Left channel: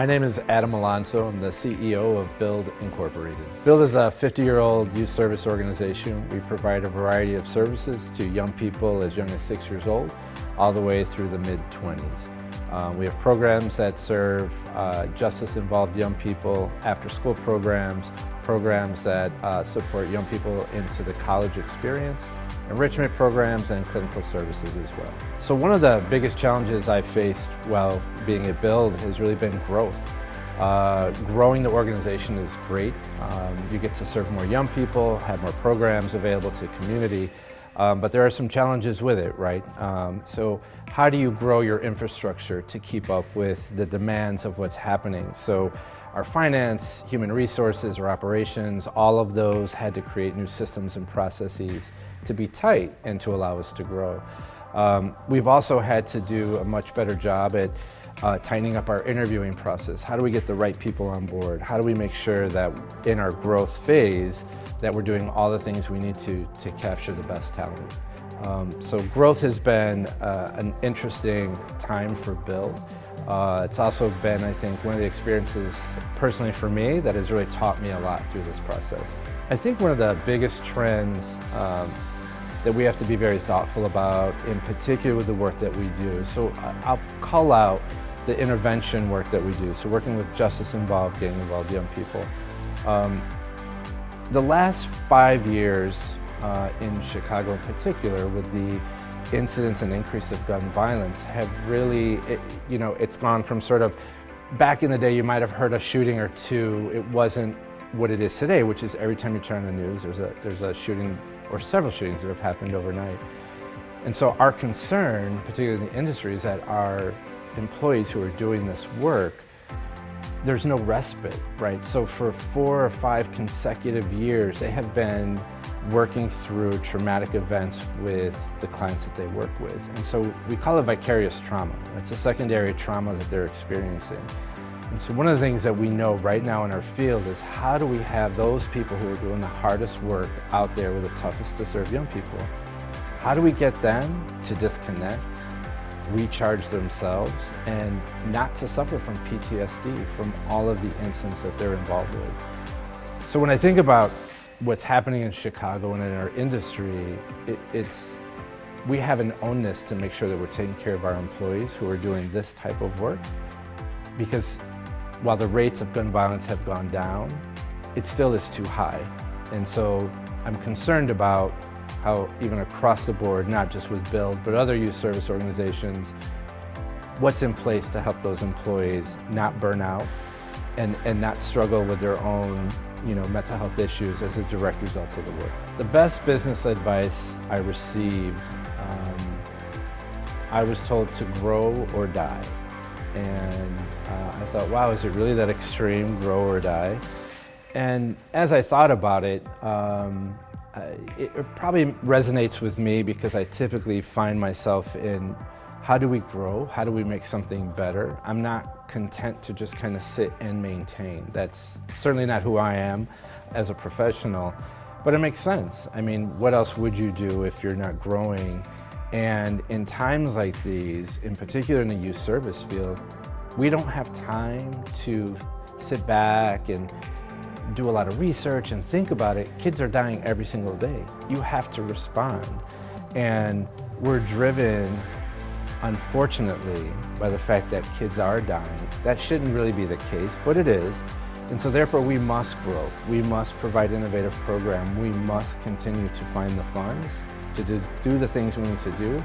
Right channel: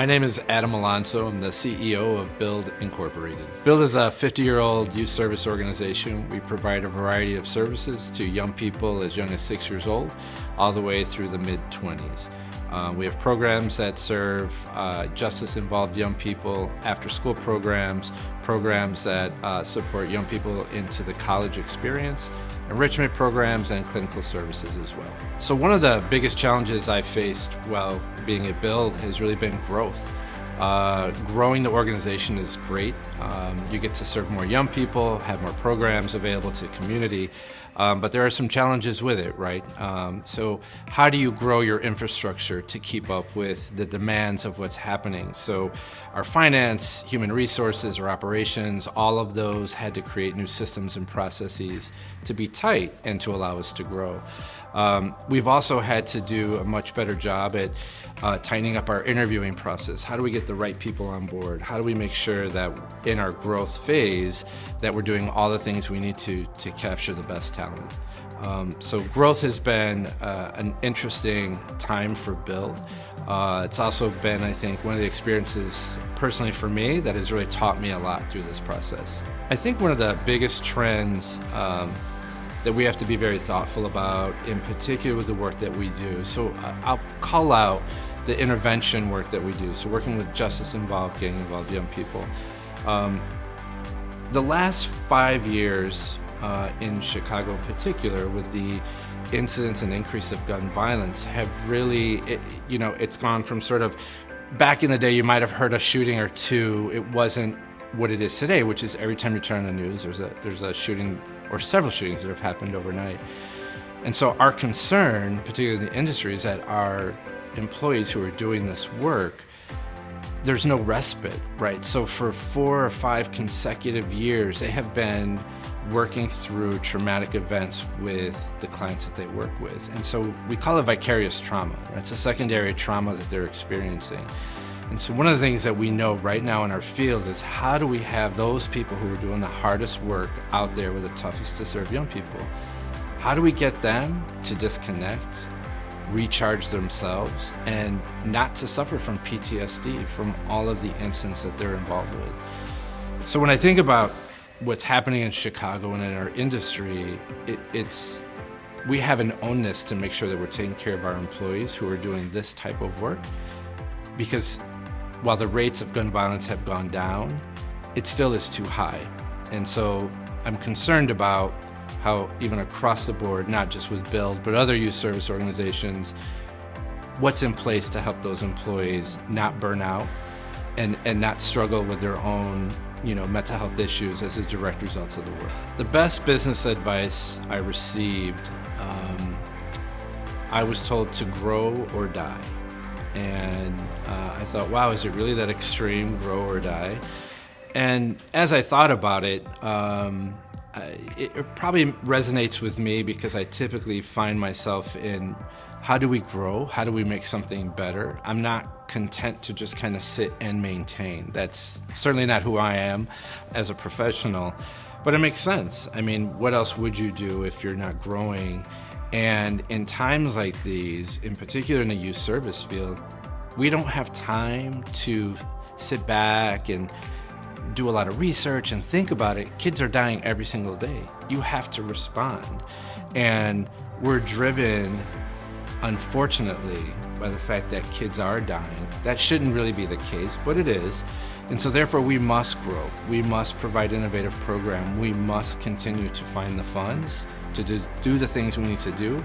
My name is Adam Alonso. I'm the CEO of Build Incorporated. Build is a 50-year-old youth service organization. We provide a variety of services to young people as young as 6 years old, all the way through the mid-20s. We have programs that serve justice-involved young people, after-school programs, programs that support young people into the college experience, enrichment programs, and clinical services as well. So one of the biggest challenges I faced while being at Build has really been growth. Growing the organization is great. You get to serve more young people, have more programs available to the community, but there are some challenges with it, right? So how do you grow your infrastructure to keep up with the demands of what's happening? So our finance, human resources, our operations, all of those had to create new systems and processes to be tight and to allow us to grow. We've also had to do a much better job at tightening up our interviewing process. How do we get the right people on board? How do we make sure that in our growth phase that we're doing all the things we need to capture the best talent? So growth has been an interesting time for Build. It's also been, I think, one of the experiences personally for me that has really taught me a lot through this process. I think one of the biggest trends that we have to be very thoughtful about, in particular with the work that we do. So I'll call out the intervention work that we do. So working with justice-involved, gang-involved young people. The last 5 years in Chicago in particular, with the incidents and increase of gun violence, have really, it's gone from sort of, back in the day you might have heard a shooting or two. It wasn't what it is today, which is every time you turn on the news, there's a shooting or several shootings that have happened overnight. And so our concern, particularly in the industry, is that our employees who are doing this work, there's no respite, right? So for 4 or 5 consecutive years, they have been working through traumatic events with the clients that they work with. And so we call it vicarious trauma. That's a secondary trauma that they're experiencing. And so one of the things that we know right now in our field is, how do we have those people who are doing the hardest work out there with the toughest to serve young people? How do we get them to disconnect, recharge themselves, and not to suffer from PTSD from all of the incidents that they're involved with? So when I think about what's happening in Chicago and in our industry, we have an onus to make sure that we're taking care of our employees who are doing this type of work, because while the rates of gun violence have gone down, it still is too high. And so I'm concerned about how, even across the board, not just with Build, but other youth service organizations, what's in place to help those employees not burn out and not struggle with their own mental health issues as a direct result of the work. The best business advice I received, I was told to grow or die. And I thought, wow, is it really that extreme, grow or die? And as I thought about it, it probably resonates with me, because I typically find myself in, how do we grow? How do we make something better? I'm not content to just kind of sit and maintain. That's certainly not who I am as a professional, but it makes sense. I mean, what else would you do if you're not growing? And in times like these, in particular in the youth service field, we don't have time to sit back and do a lot of research and think about it. Kids are dying every single day. You have to respond. And we're driven, unfortunately, by the fact that kids are dying. That shouldn't really be the case, but it is. And so therefore we must grow. We must provide innovative program. We must continue to find the funds to do the things we need to do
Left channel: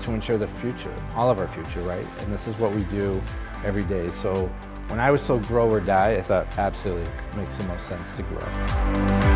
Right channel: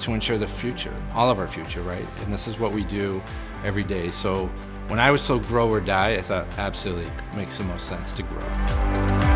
to ensure the future, all of our future, right? And this is what we do every day. So when I was told grow or die, I thought absolutely makes the most sense to grow.